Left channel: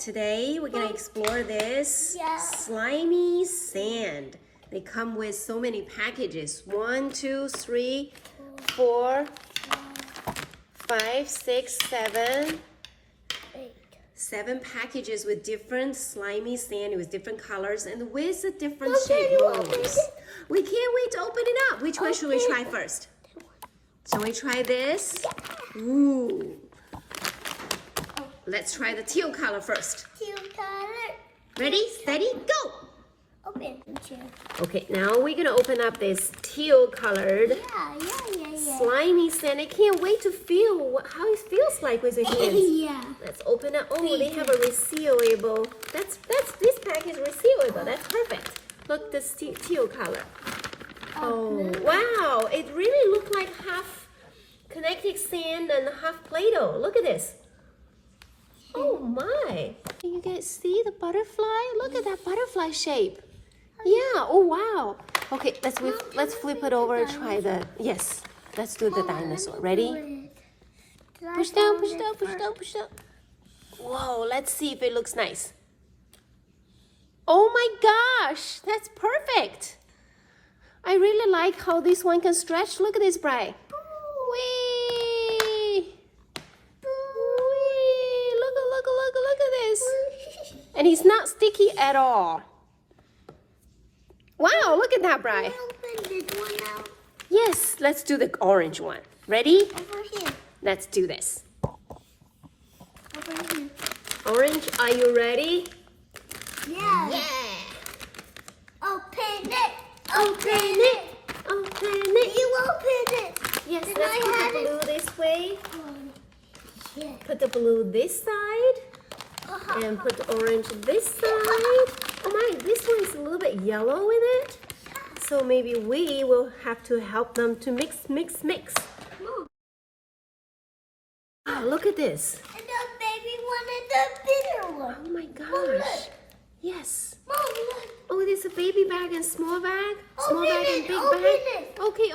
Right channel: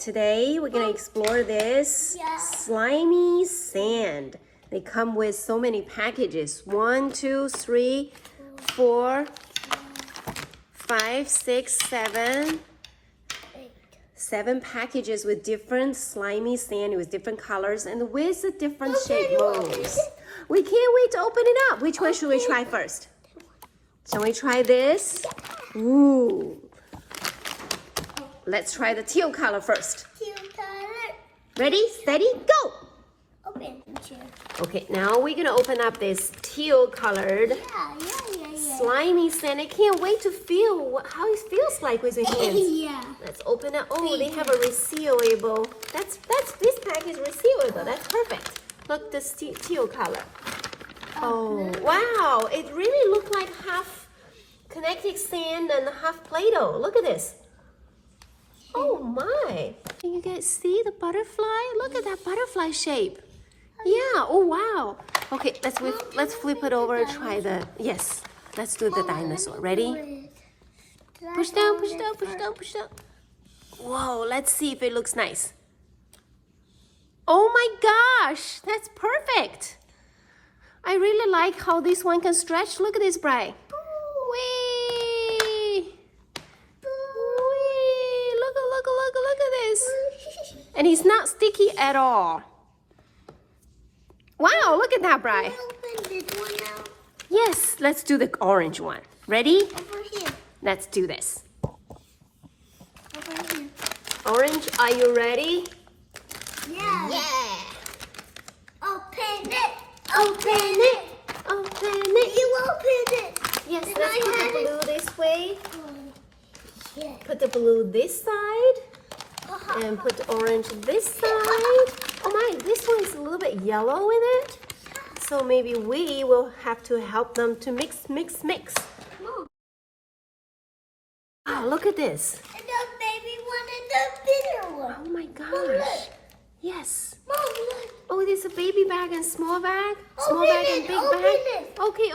Today we're gonna explore this slimy sand. They come with so many packages. 1, 2, 3, 4, 5, 6, 7. 7 packages with different slimy sand with different colors and with the different shape molds. We can't wait to open it up. Which one should we try first? Shall we try this? Ooh. Let's try the teal color first. Teal color. Ready, steady, go! Open. Okay, now we're gonna open up this teal colored slimy sand. I can't wait to feel how it feels like with your hands. Yeah. Let's open it. Oh, they have a resealable. That's this pack is resealable. That's perfect. Look, this teal color. Oh, wow! It really looked like half kinetic sand and half Play-Doh. Look at this. Oh my! Can you guys see the butterfly? Look at that butterfly shape. Yeah. Oh wow. Okay, let's flip it over and try the. Yes. Let's do the dinosaur. Ready? Push down, push down, push down, push down. Whoa! Let's see if it looks nice. Oh my gosh! That's perfect. I really like how this one can stretch. Look at this, Brian. And it's not sticky at all. Wow, look at that, Bri. Open this one now. Yes, let's do the orange one. Ready? Over here. Let's do this. Over here. Orange, are you ready? Yeah. Open it. Open it. Open it. You open it. Yes, let's put the blue this way. Yeah. Put the blue this side. And put the orange this side. Oh my, this one is a little bit yellow with it. So maybe we will have to help them to mix. Ah, look at this. And the baby one and the bigger one. Oh my gosh. Mom, look. Yes. Mom, look. Oh, there's a baby bag and small bag. Small Open bag it, and big open bag. it. Okay.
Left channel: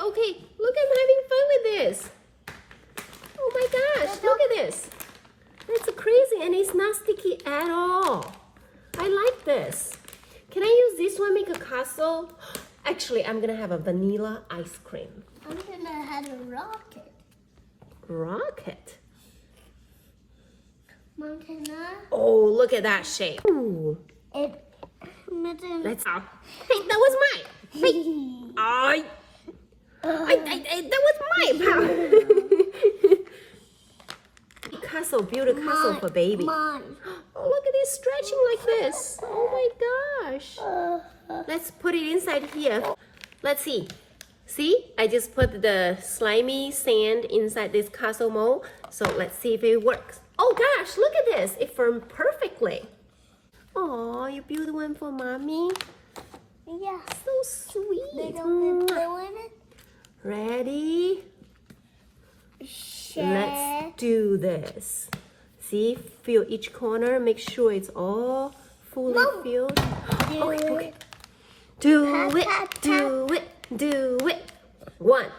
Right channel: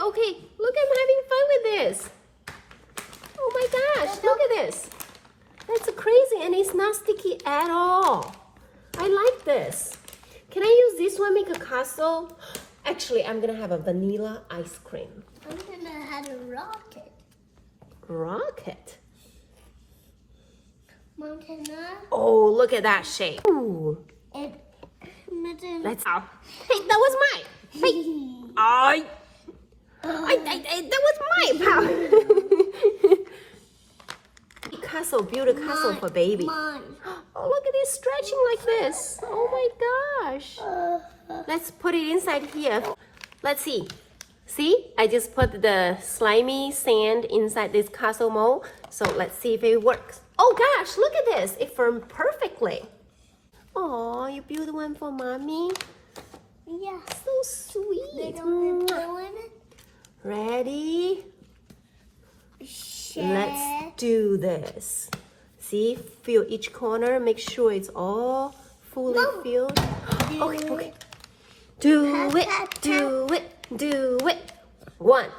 Look, I'm having fun with this. Oh my gosh, look at this. That's crazy and it's not sticky at all. I like this. Can I use this one make a castle? Actually, I'm gonna have a vanilla ice cream. I'm gonna have a rocket. Rocket? Mom, can I? Oh, look at that shape. Ooh. Let's. Hey, that was mine. Hey. That was mine. Castle, build a castle for baby. Mom. Oh, look at it stretching like this. Oh my gosh. Let's put it inside here. Let's see. See, I just put the slimy sand inside this castle mold. So let's see if it works. Oh gosh, look at this. It formed perfectly. Oh, you built one for mommy? Yeah. So sweet. Ready? Let's do this. See, fill each corner. Make sure it's all fully filled. Okay. Do it. 1,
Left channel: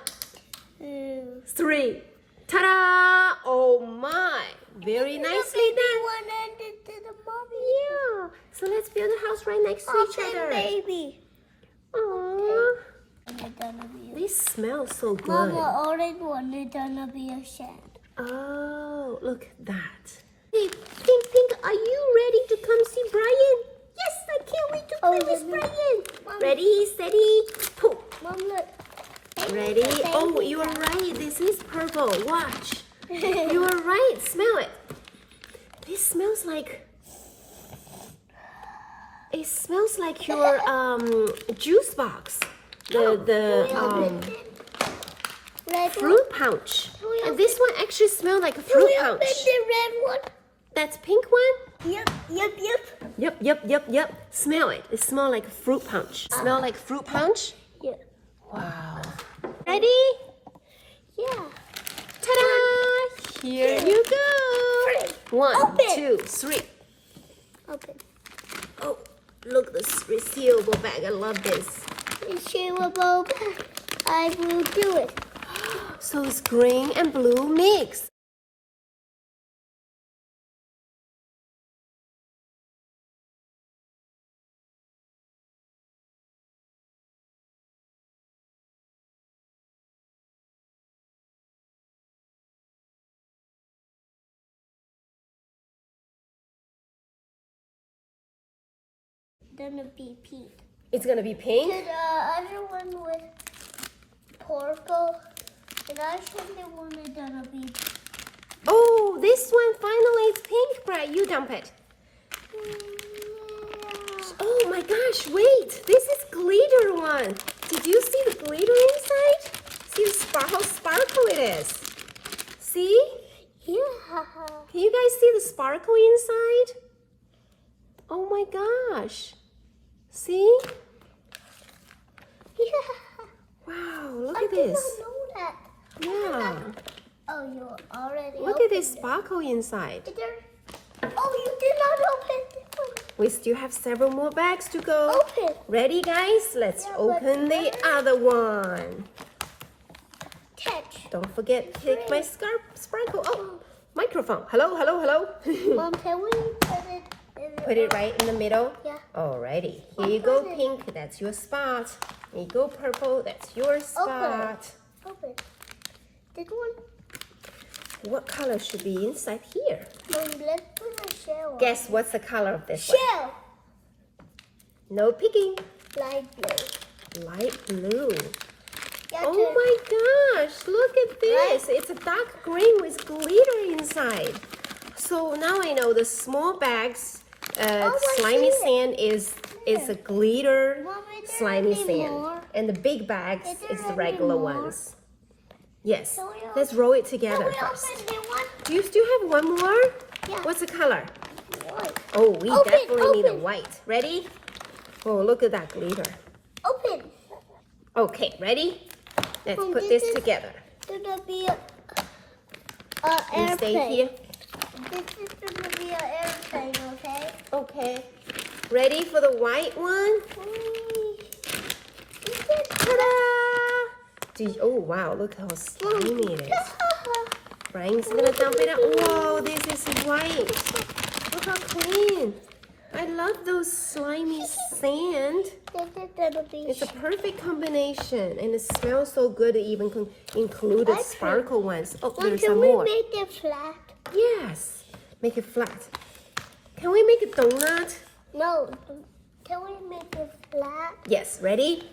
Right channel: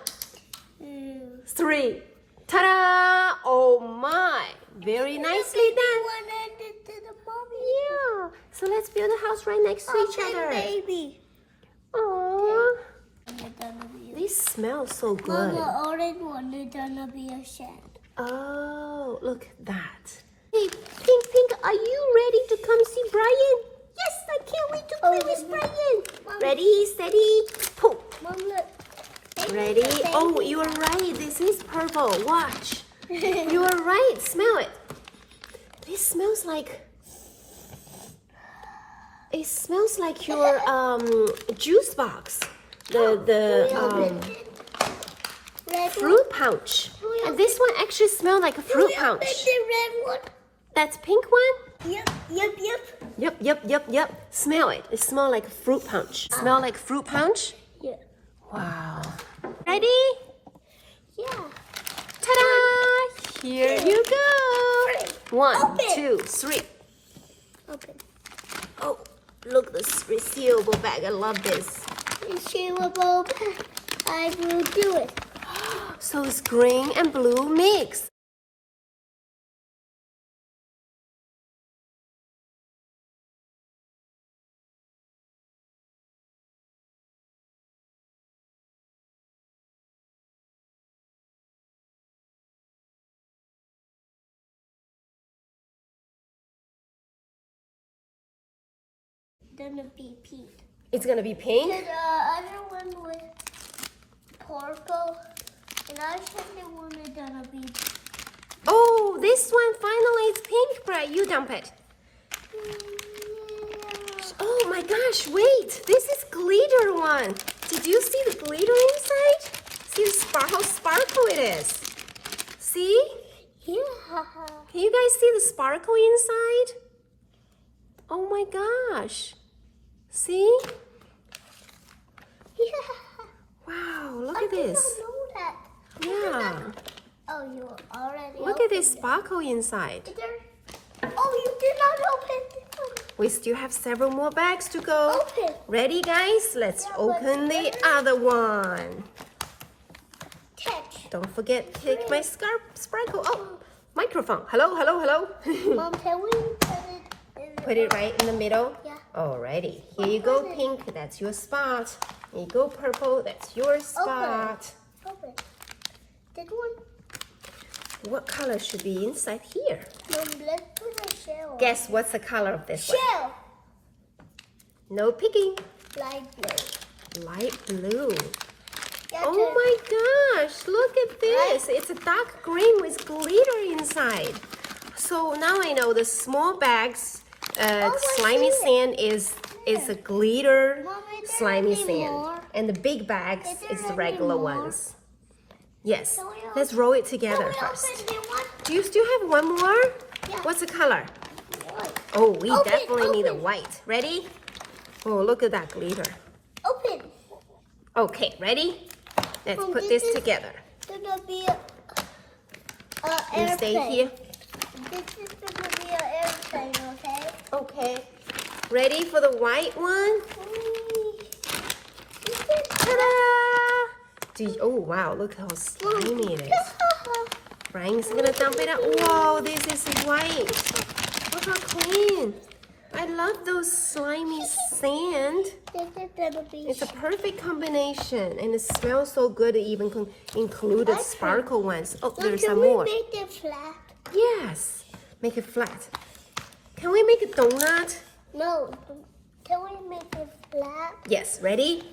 3. Ta-da! Oh my! Very nicely done. Yeah. So let's build a house right next to each other. Baby. Aww. They smell so good. Mama, orange one is gonna be a shed. Oh, look at that. Hey, Pink, are you ready to come see Brian? Yes, I can't wait to play with Brian. Mom. Ready, steady, pull. Mom, look. Ready? Oh, you are right. This is purple. Watch. You are right. Smell it. This smells like... It smells like your juice box. The fruit pouch. And this one actually smells like a fruit pouch. The red one. That's pink one? Yep. Yep. Smell it. It smells like a fruit punch. Smell like fruit punch? Yeah. Wow. Ready? Yeah. Ta-da! Here you go. 1, Open. 2, 3. Open. Oh, look, this resealable bag. I love this. Resealable. I will do it. So it's green and blue mix. gonna be pink. It's gonna be pink? And the other one with purple. And I think the one is gonna be Oh, this one finally is pink, Bright. You dump it. Oh my gosh, wait. This is glitter one. Did you see the glitter inside? See how sparkle it is. See? Yeah. Can you guys see the sparkle inside? Oh my gosh. See? Yeah. Wow, look I at this. didn't know that. Yeah. Oh, you already Look at this opened sparkle inside. it. Oh, you did not open it. We still have several more bags to go. Open. Ready, guys? Let's Yeah, open the but- other one. Catch. Don't forget, take my sparkle. Oh, microphone. Hello, hello, hello. Mom, can we put it in the Put it right in the middle. Yeah. Alrighty. Here you go, pink. That's your spot. Here you go, purple. That's your spot. Open. This one. What color should be inside here? Mom, let's put a shell on. Guess what's the color of this one? Shell. No picking. Light blue. Light blue. Yeah, Oh my gosh, look at this. It's a dark green with glitter inside. So now I know the small bags, I slimy see sand is a glitter Mom, is there slimy any sand. more? And the big bags Is there is the any regular more? ones. Yes, Can we let's roll it together Can we first. open the one? Do you still have one more? Yeah. What's the color? White. Oh, we Open, definitely need a open. white. Ready? Oh, look at that glitter. Open. Okay, ready? Let's Mom, put this this is- together. Gonna be a You airplane. stay here. This is gonna be an airplane, okay? Okay. Ready for the white one? Ta-da! Oh, wow. Look how slimy it is. Brian's gonna dump it out. Whoa, this is white. Look how clean. I love those slimy sand. This is gonna be It's a perfect combination. And it smells so good it even included Okay. sparkle ones. Oh, Mom, there's can some we more. make it flat? Yes. Make it flat. Can we make a donut? No. Can we make it flat? Yes. Ready?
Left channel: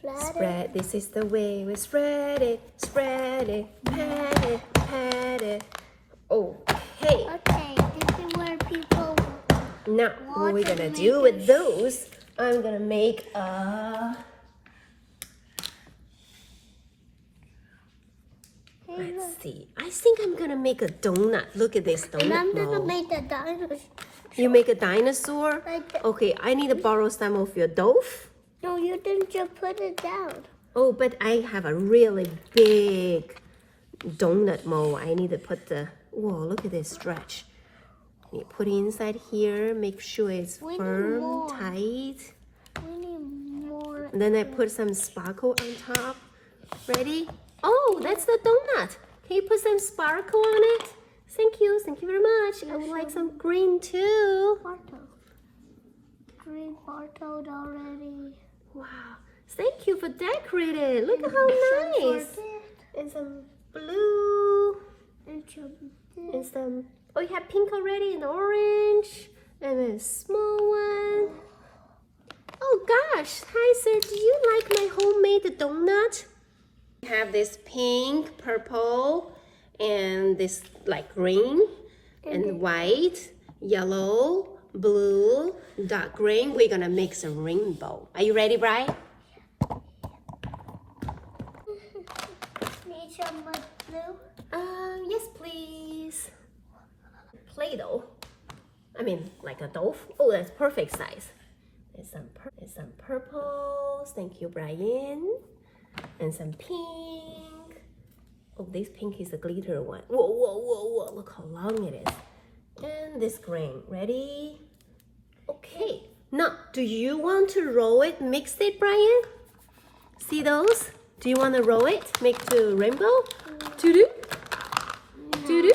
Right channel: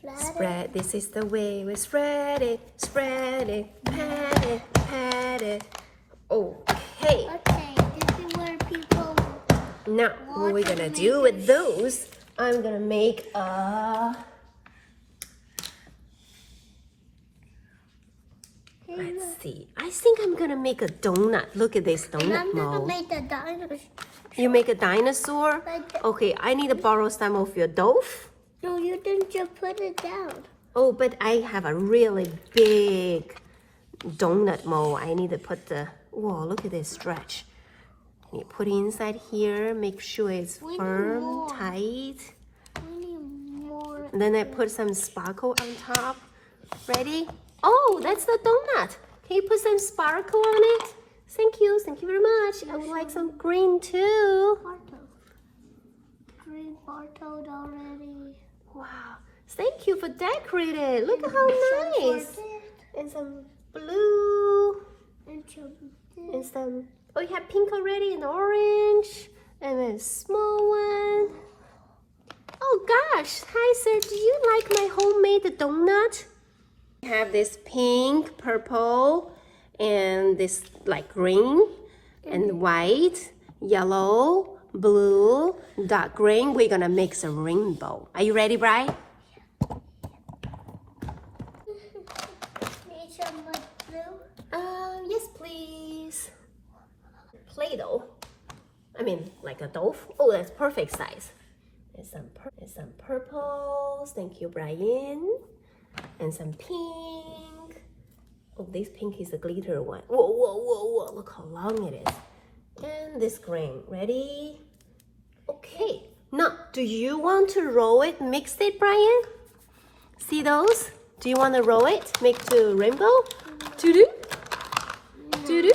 Flat. Spread, this is the way we spread it, pat it, pat it. Okay, Okay, this is where people. now what we're gonna do with those, I'm gonna make a, let's see, I think I'm gonna make a donut. Look at this And I'm donut gonna mold. make the dinosaur. You make a dinosaur? Like that. Okay, I need to borrow some of your dough. No, you didn't just put it down. Oh, but I have a really big donut mold. I need to put the, whoa, look at this stretch. You put it inside here, make sure it's We need firm, more. tight. We need more. And then I put some sparkle on top. Ready? Oh, that's the donut. Can you put some sparkle on it? Thank you very much. I would like some green too. Bartle. Green bartled already. Wow, thank you for decorating. Look at how nice. And some blue. And some, oh, you have pink already and orange. And a small one. Oh gosh, hi sir, do you like my homemade donut? We have this pink, purple, and this like green, and white, yellow, blue, dark green. We're gonna mix a rainbow. Are you ready, Brian? Need some blue? Yes, please. Play-Doh. I mean, like a dough. Oh, that's perfect size. There's some purples. Thank you, Brian. And some pink. Oh, this pink is a glitter one. Whoa, whoa, whoa, whoa. Look how long it is. And this green. Ready? Okay. Now, do you want to roll it, mix it, Brian? See those? Do you want to roll it? Make the rainbow? Doo-doo? Doo-doo?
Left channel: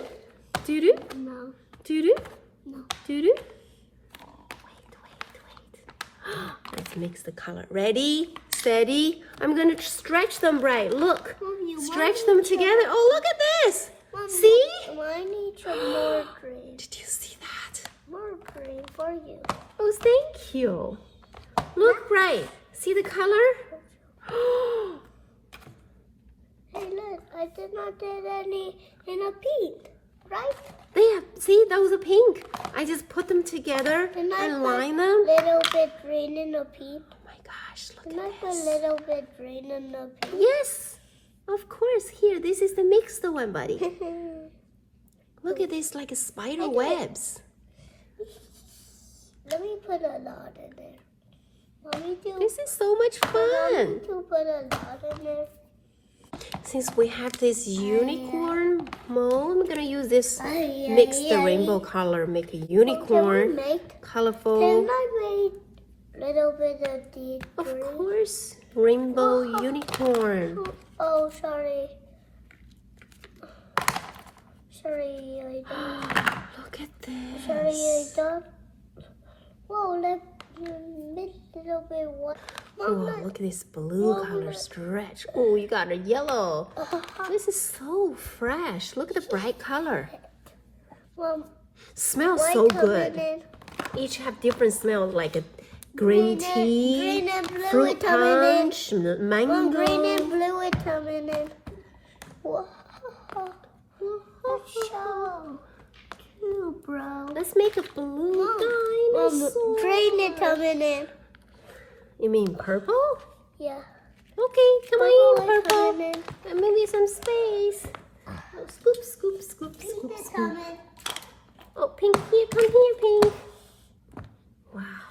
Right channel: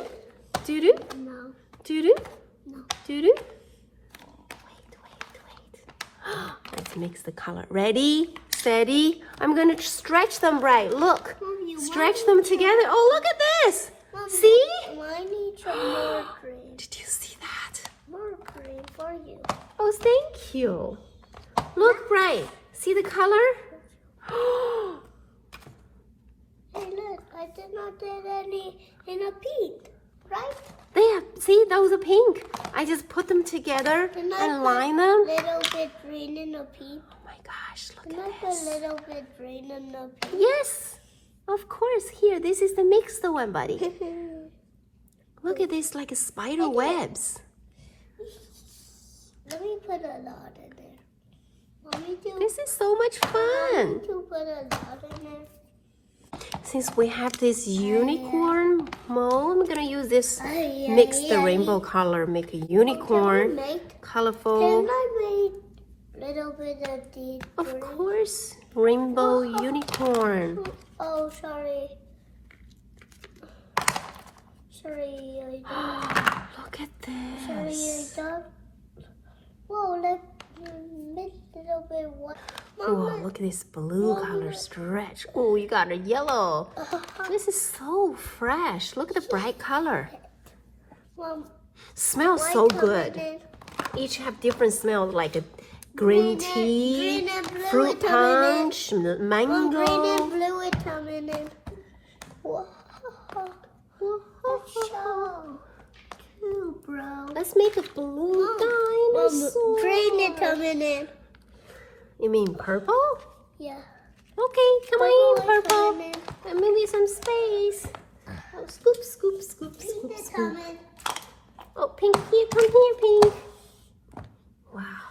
Doo-doo? No. Doo-doo? No. Doo-doo? Wait. Let's mix the color. Ready? Steady? I'm going to stretch them, Bright. Look. Mommy, Stretch why them need together. Oh, look at this. Mommy, See? I need some more green. Did you see that? More green for you. Oh, Oh, thank you. Look right. See the color? Hey, look, I did not get any in a pink, right? There, see, those are pink. I just put them together And I and line them. little bit green in a pink. Oh my gosh, And look I at got a this. little bit green in a pink. Yes, of course. Here, this is the mixed one, buddy. Look at this, like a spider webs. Let me put a lot in there. Want me to? This is so much Want fun. me to put a lot in there? Since we have this unicorn mold, I'm gonna use this mix the rainbow color, make a unicorn, colorful. Can I make a little bit of deep Of green? course, rainbow unicorn. Oh, sorry. Sorry, I don't. Look at this. Sorry, I don't. Whoa, let's make a little bit white. Oh, look at this blue color stretch. Oh, you got a yellow. This is so fresh. Look at the bright color. Smells so good. Each have different smells, like a green tea, green and blue fruit punch, mango. Green and blue is coming in. Whoa. Cool, bro. Let's make a blue dinosaur. Green is coming in. You mean purple? Yeah. Okay, come on, Purple is purple. coming in. And maybe some space. Oh, scoop, scoop, scoop, scoop, Pink is scoop. coming. Oh, pink, here, come here, pink. Wow.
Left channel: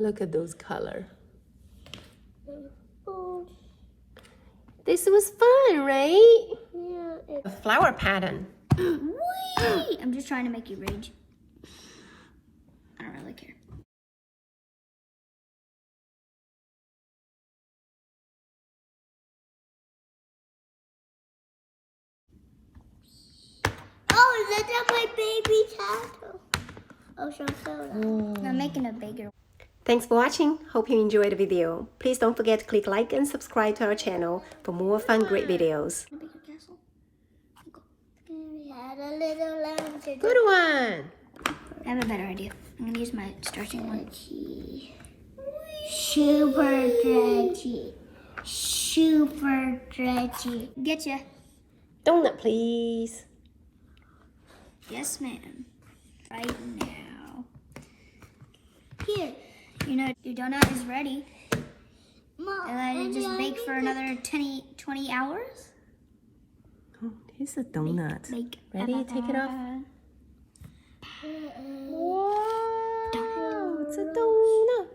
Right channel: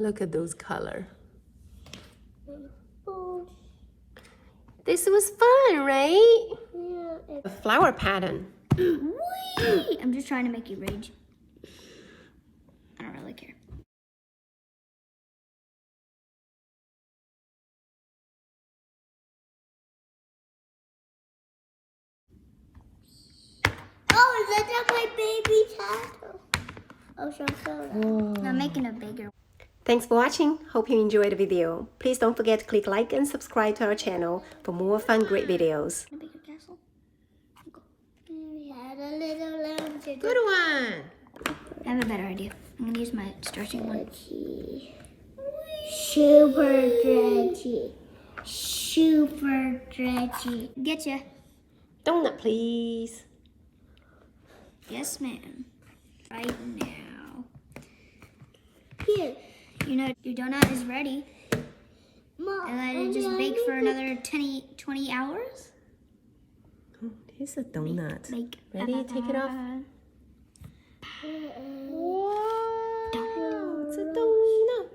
Look at those colors. This was fun, right? Yeah. A flower pattern. I'm just trying to make you rage. I don't really care. Oh, look at my baby's hat. Oh, sorry. I'm making a bigger. Thanks for watching. Hope you enjoyed the video. Please don't forget to click like and subscribe to our channel for more fun, great videos. A bigger castle. We had a little lamb to Good one. I have a better idea. I'm gonna use my starching one. Super dredgy. Super dredgy. Getcha. Donut, please. Yes, ma'am. Right now. Here. You know, your donut is ready. Mom, And let it just bake for another 20 hours. Here's a donut. Bake. Ready? Take it off. Wow, it's a donut.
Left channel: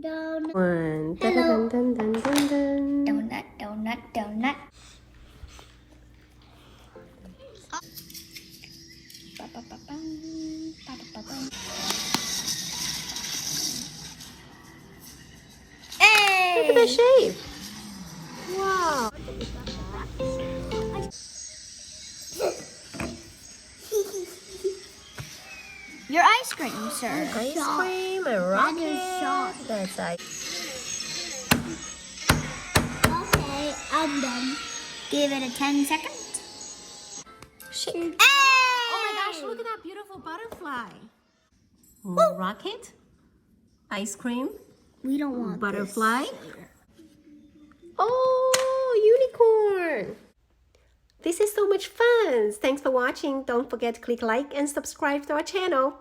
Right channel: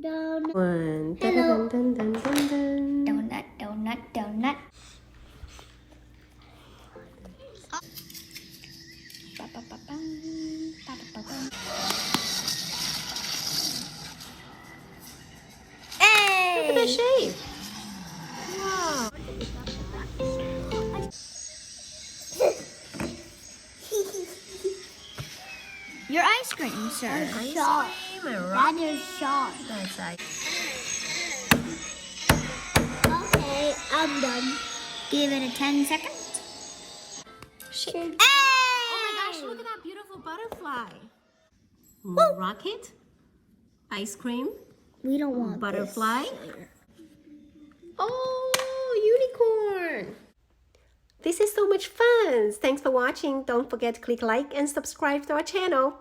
Down. One. Dun, dun, dun, dun, dun, dun. Donut, donut, donut. Look at the shape. Wow. Your ice cream, sir. Ice cream, a rocket. That's ice. Okay, I'm done. Give it a 10 second. Oh my gosh, look at that beautiful butterfly. Rocket, ice cream, We don't want butterfly. Oh, unicorn. This is so much fun. Thanks for watching. Don't forget to click like and subscribe to our channel.